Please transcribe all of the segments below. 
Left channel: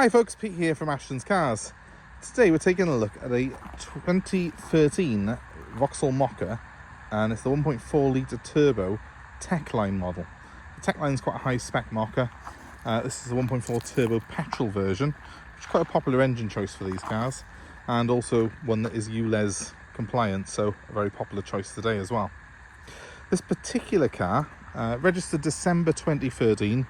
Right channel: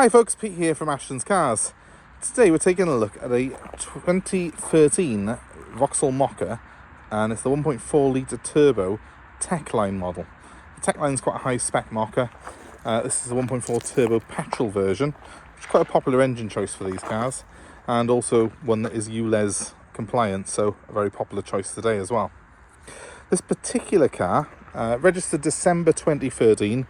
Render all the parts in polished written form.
Hi folks, Pete here from Ashton's Cars. Today we're taking a look at a 2013 Vauxhall Mokka, and it's the 1.4 litre turbo Techline model. The Techline is quite a high spec Mokka. This is the 1.4 turbo petrol version, which is quite a popular engine choice for these cars, and also one that is ULEZ compliant, so a very popular choice today as well. This particular car, registered December 2013,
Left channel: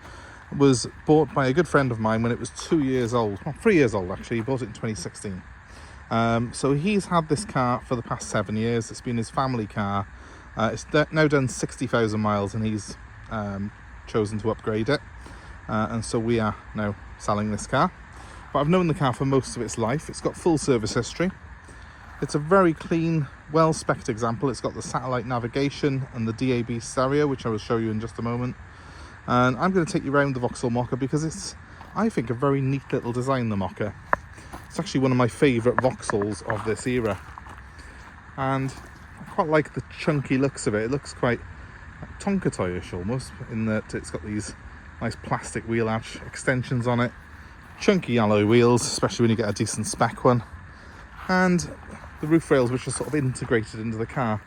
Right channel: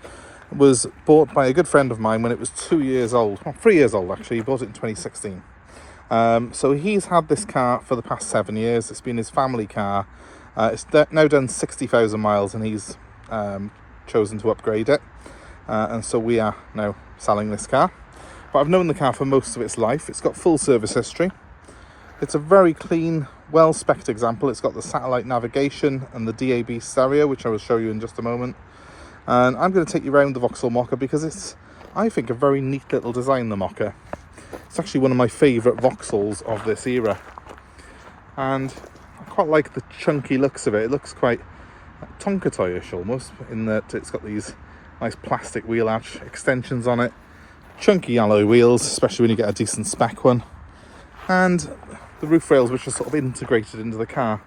was bought by a good friend of mine when it was 2 years old, well, 3 years old actually. He bought it in 2016. So he's had this car for the past 7 years. It's been his family car. It's now done 60,000 miles, and he's chosen to upgrade it. And so we are now selling this car. But I've known the car for most of its life. It's got full service history. It's a very clean, well-spec'd example. It's got the satellite navigation and the DAB stereo, which I will show you in just a moment. And I'm going to take you around the Vauxhall Mokka because it's, I think, a very neat little design, the Mokka. It's actually one of my favourite Vauxhalls of this era. And I quite like the chunky looks of it. It looks quite Tonka toyish almost, in that it's got these nice plastic wheel arch extensions on it. Chunky alloy wheels, especially when you get a decent spec one. And the roof rails, which are sort of integrated into the car.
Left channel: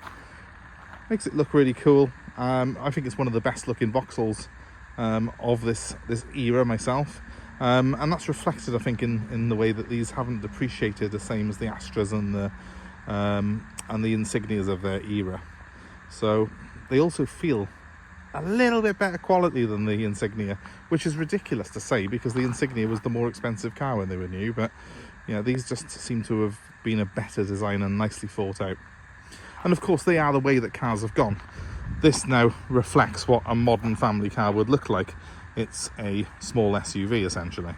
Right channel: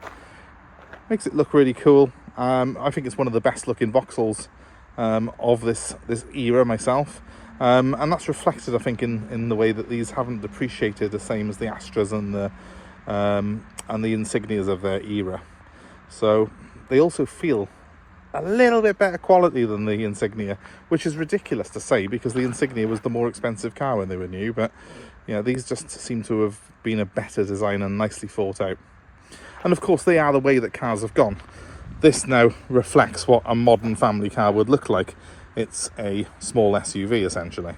Makes it look really cool. I think it's one of the best looking Vauxhalls of this era myself, and that's reflected, I think, in the way that these haven't depreciated the same as the Astras and the Insignias of their era. So they also feel a little bit better quality than the Insignia, which is ridiculous to say because the Insignia was the more expensive car when they were new. But you know, these just seem to have been a better design and nicely thought out. And of course, they are the way that cars have gone. This now reflects what a modern family car would look like. It's a small SUV essentially.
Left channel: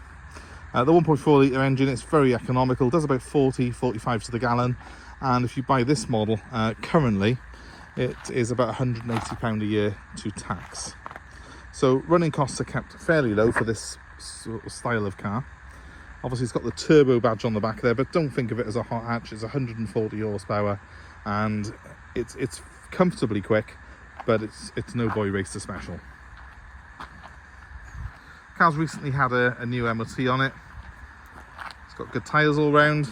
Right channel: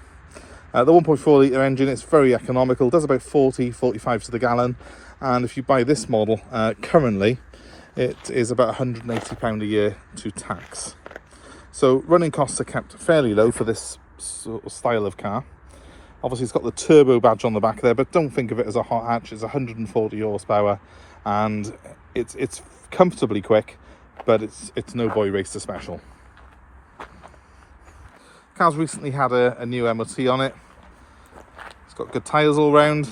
The 1.4 litre engine, it's very economical, does about 40-45 to the gallon, and if you buy this model currently, it is about £180 a year to tax. So running costs are kept fairly low for this sort of style of car. Obviously it's got the turbo badge on the back there, but don't think of it as a hot hatch. It's 140 horsepower and it's comfortably quick, but it's no boy racer special. Car's recently had a new MOT on it. It's got good tyres all round.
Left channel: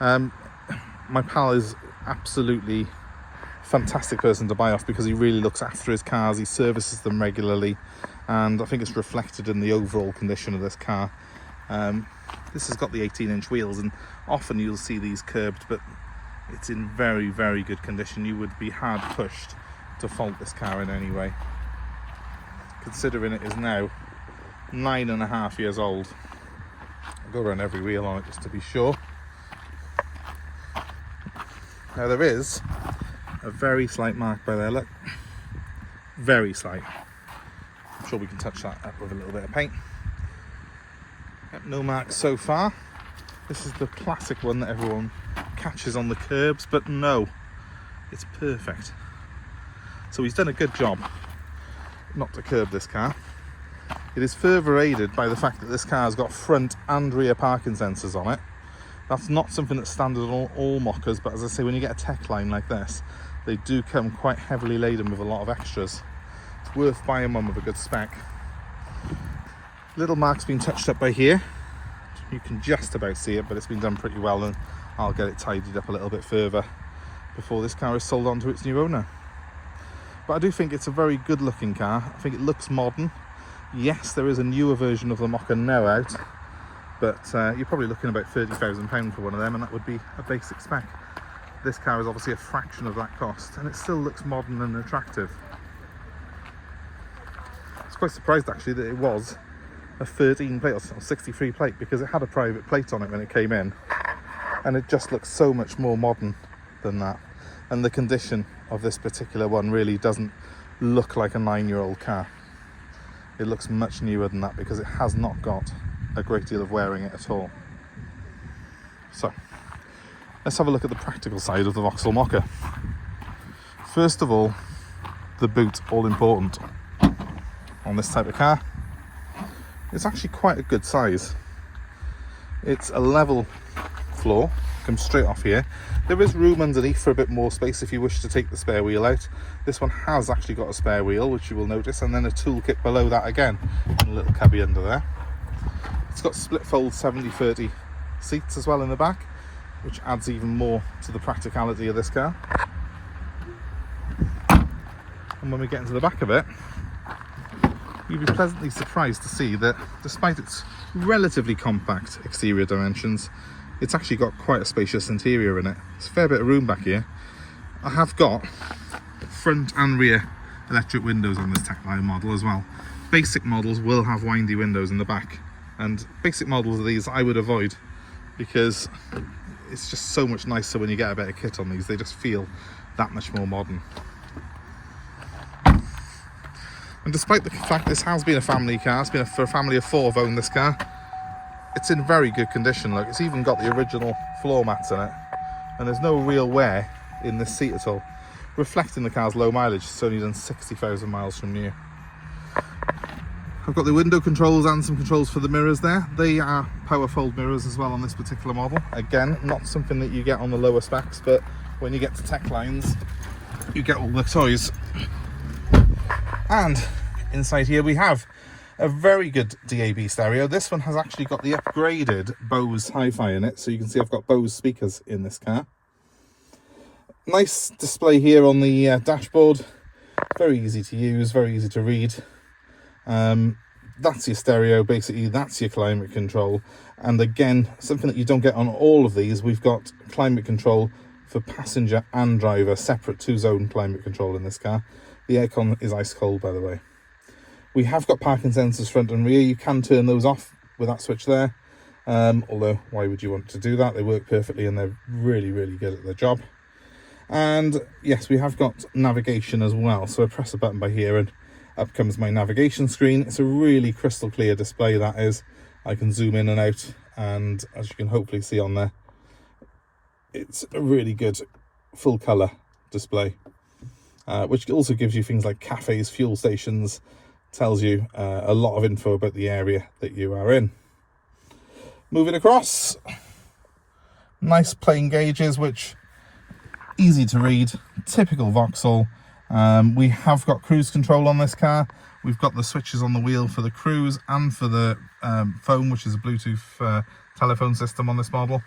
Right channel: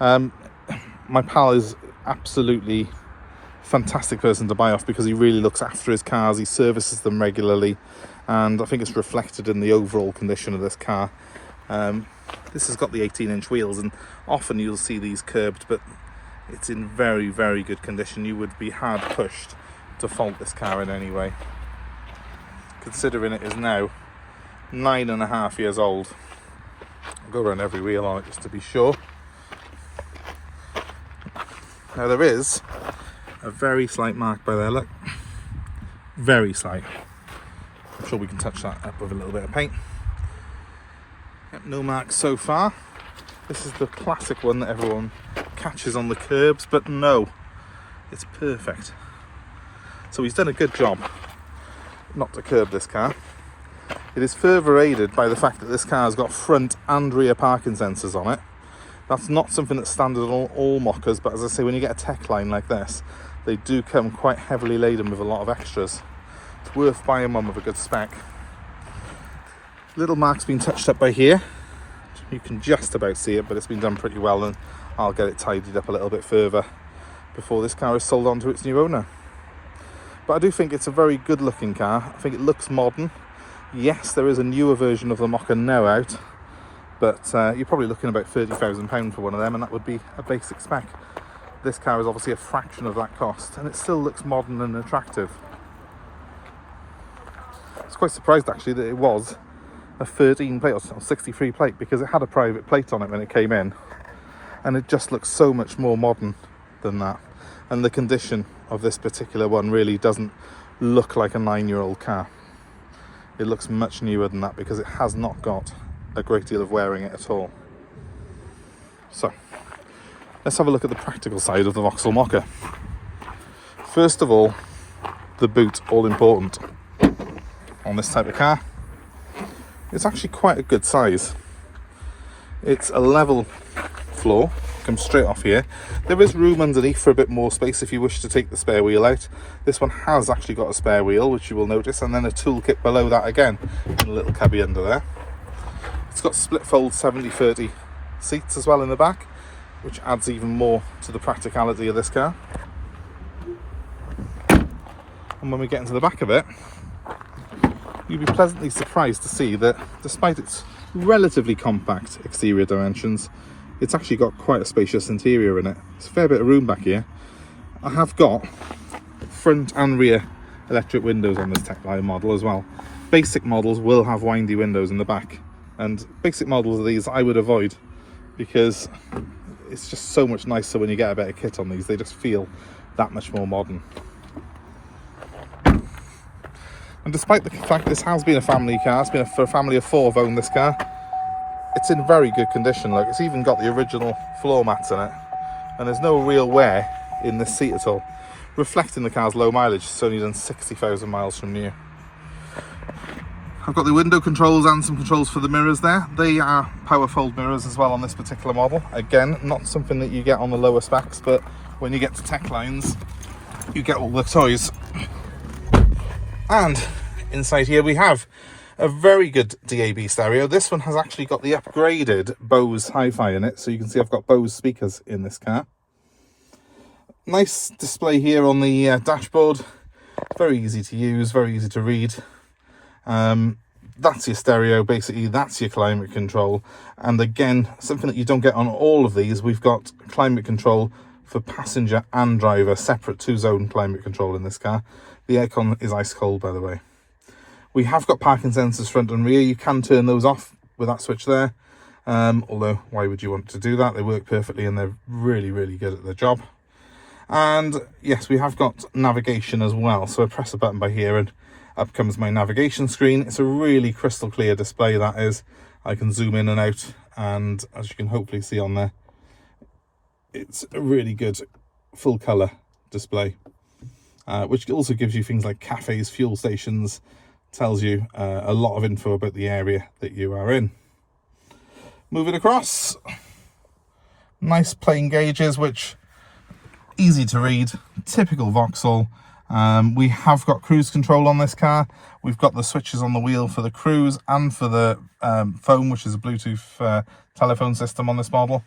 My pal is absolutely fantastic person to buy off because he really looks after his cars, he services them regularly, and I think it's reflected in the overall condition of this car. This has got the 18-inch wheels, and often you'll see these curbed, but it's in very, very good condition. You would be hard pushed to fault this car in any way, considering it is now 9.5 years old. I'll go around every wheel on it just to be sure. Now there is a very slight mark by there, look. Very slight. I'm sure we can touch that up with a little bit of paint. Yep, no marks so far. This is the classic one that everyone catches on the curbs, but no, it's perfect. So he's done a good job not to curb this car. It is further aided by the fact that this car has got front and rear parking sensors on it. That's not something that's standard on all Mokkas, but as I say, when you get a Techline like this, they do come quite heavily laden with a lot of extras. It's worth buying one with a good spec. Little mark's been touched up by here. You can just about see it, but it's been done pretty well, and I'll get it tidied up a little bit further before this car is sold on to its new owner. But I do think it's a very good looking car. I think it looks modern. Yes, there is a newer version of the Mokka now out, but you're probably looking about £30,000 for one of them, and that would be a basic spec. This car is obviously a fraction of that cost, and it still looks modern and attractive. I was quite surprised actually that it was a 13 plate or 63 plate, because it had a private plate on it when it came in, and it just looks so much more modern than that. And the condition of this particular one really doesn't look like a 9-year-old car. It looks much newer than that because it has not got a great deal of wearing it at all. So let's have a look at the practical side of the Vauxhall Mokka. First of all, the boot, all important on this type of car. It's actually quite a good size. It's a level floor, comes straight off here. There is room underneath for a bit more space if you wish to take the spare wheel out. This one has actually got a spare wheel, which you will notice, and then a toolkit below that again, and a little cubby under there. It's got split fold 70/30 seats as well in the back, which adds even more to the practicality of this car. And when we get into the back of it, you'll be pleasantly surprised to see that despite its relatively compact exterior dimensions, it's actually got quite a spacious interior in it. There's a fair bit of room back here. I have got front and rear electric windows on this Techline model as well. Basic models will have windy windows in the back, and basic models of these I would avoid because it's just so much nicer when you get a better kit on these. They just feel that much more modern. And despite the fact this has been a family car, it's been for a family of 4 have owned this car, it's in very good condition. Look, it's even got the original floor mats in it, and there's no real wear in this seat at all, reflecting the car's low mileage. It's only done 60,000 miles from new. I've got the window controls and some controls for the mirrors there. They are power fold mirrors as well on this particular model. Again, not something that you get on the lower specs, but when you get to Techlines, you get all the toys. And inside here we have a very good DAB stereo. This one has actually got the upgraded BOSE Hi-Fi in it, so you can see I've got BOSE speakers in this car. Nice display here on the dashboard, very easy to use, very easy to read. That's your stereo, basically that's your climate control, and again, something that you don't get on all of these, we've got climate control for passenger and driver, separate 2-zone climate control in this car. The aircon is ice cold, by the way. We have got parking sensors front and rear. You can turn those off with that switch there, although why would you want to do that? They work perfectly and they're really, really good at their job. And yes, we have got navigation as well, so I press a button by here and up comes my navigation screen. It's a really crystal clear display, that is. I can zoom in and out, and as you can hopefully see on there, it's a really good full colour display, which also gives you things like cafes, fuel stations, tells you a lot of info about the area that you are in. Moving across, nice plain gauges, which easy to read, typical Vauxhall. We have got cruise control on this car. We've got the switches on the wheel for the cruise and for the phone, which is a Bluetooth telephone system on this model.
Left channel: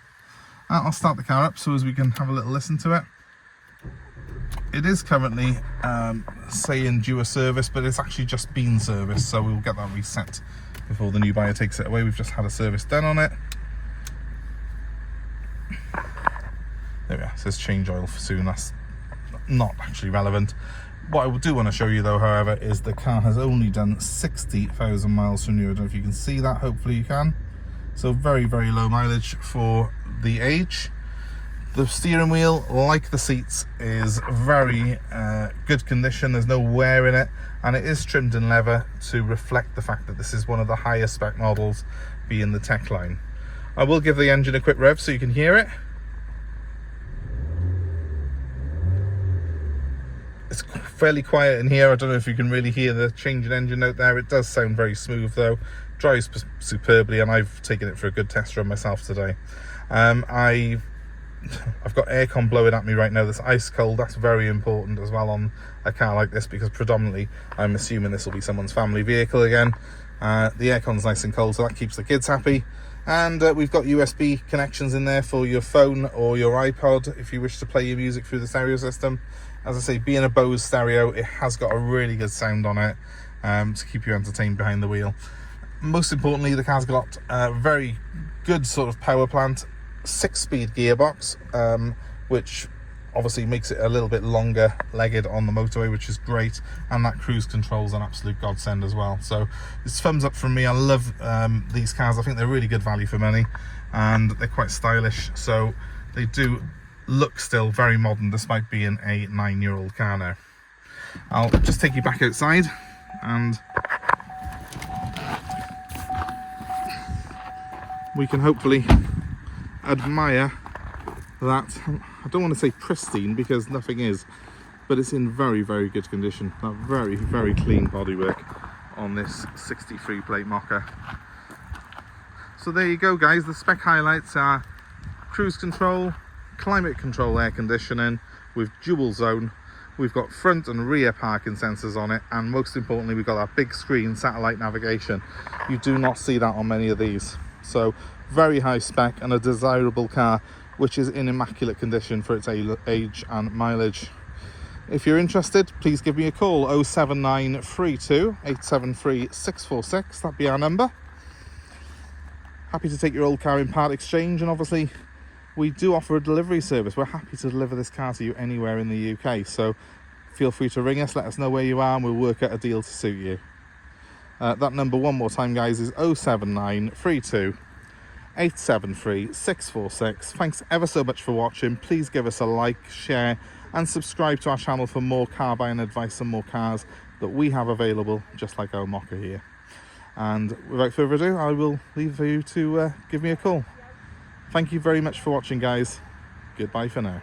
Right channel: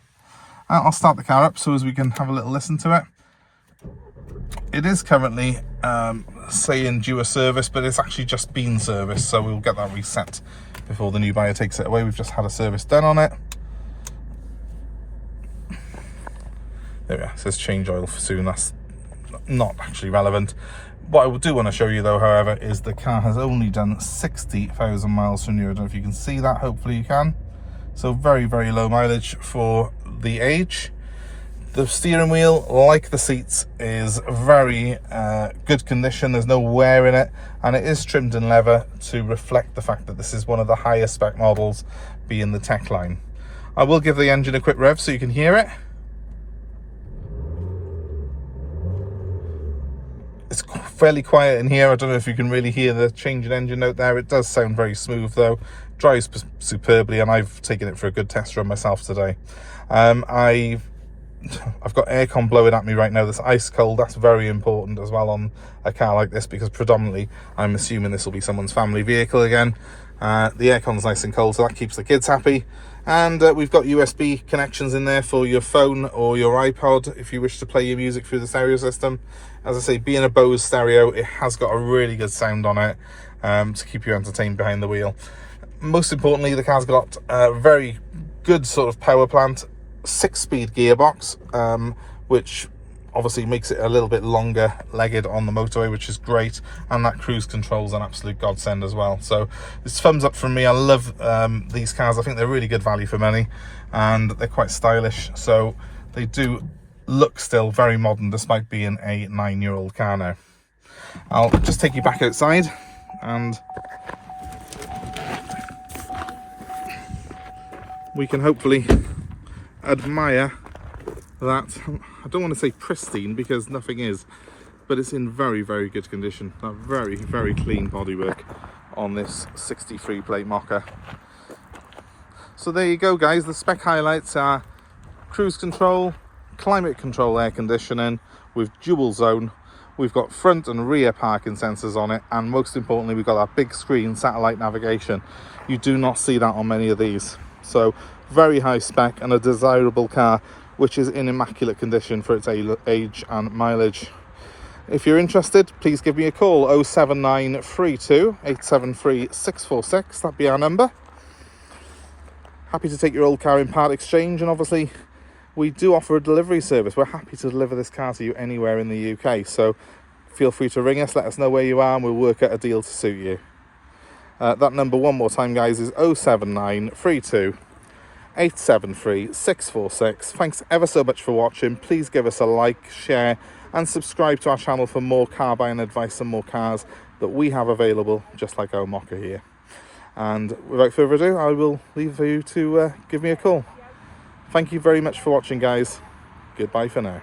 I'll start the car up so as we can have a little listen to it. It is currently saying due a service, but it's actually just been serviced, so we'll get that reset before the new buyer takes it away. We've just had a service done on it. There we are, it says change oil for soon. That's not actually relevant. What I do want to show you though, however, is the car has only done 60,000 miles from new. I don't know if you can see that, hopefully you can. So very, very low mileage for the age. The steering wheel, like the seats, is very good condition. There's no wear in it, and it is trimmed in leather to reflect the fact that this is one of the highest spec models, being the Techline. I will give the engine a quick rev so you can hear it. It's fairly quiet in here. I don't know if you can really hear the change in engine note there. It does sound very smooth though. Drives superbly, and I've taken it for a good test run myself today. I've got aircon blowing at me right now. That's ice cold. That's very important as well on a car like this, because predominantly I'm assuming this will be someone's family vehicle again. The aircon's nice and cold, so that keeps the kids happy. And we've got USB connections in there for your phone or your iPod if you wish to play your music through the stereo system. As I say, being a BOSE stereo, it has got a really good sound on it to keep you entertained behind the wheel. Most importantly, the car's got a very good sort of power plant, 6-speed gearbox, which obviously makes it a little bit longer legged on the motorway, which is great, and that cruise control is an absolute godsend as well. So it's thumbs up from me. I love these cars. I think they're really good value for money, and they're quite stylish, so they do look still very modern despite being a 9-year-old car now. I'll just take you back outside and we can hopefully admire that. I don't want to say pristine because nothing is, but it's in very, very good condition. A very, very clean bodywork on this 63 plate Mokka. So there you go guys, the spec highlights are cruise control, climate control air conditioning with dual zone, We've got front and rear parking sensors on it, and most importantly, we've got our big screen satellite navigation. You do not see that on many of these. So very high spec and a desirable car, which is in immaculate condition for its age and mileage. If you're interested, please give me a call, 07932 873 646. That'd be our number. Happy to take your old car in part exchange, and obviously we do offer a delivery service. We're happy to deliver this car to you anywhere in the UK, so feel free to ring us, let us know where you are, and we'll work out a deal to suit you. That number one more time, guys, is 07932 873 646. Thanks ever so much for watching. Please give us a like, share and subscribe to our channel for more car buying advice and more cars that we have available, just like our Mokka here. And without further ado, I will leave you to give me a call. Thank you very much for watching, guys. Goodbye for now.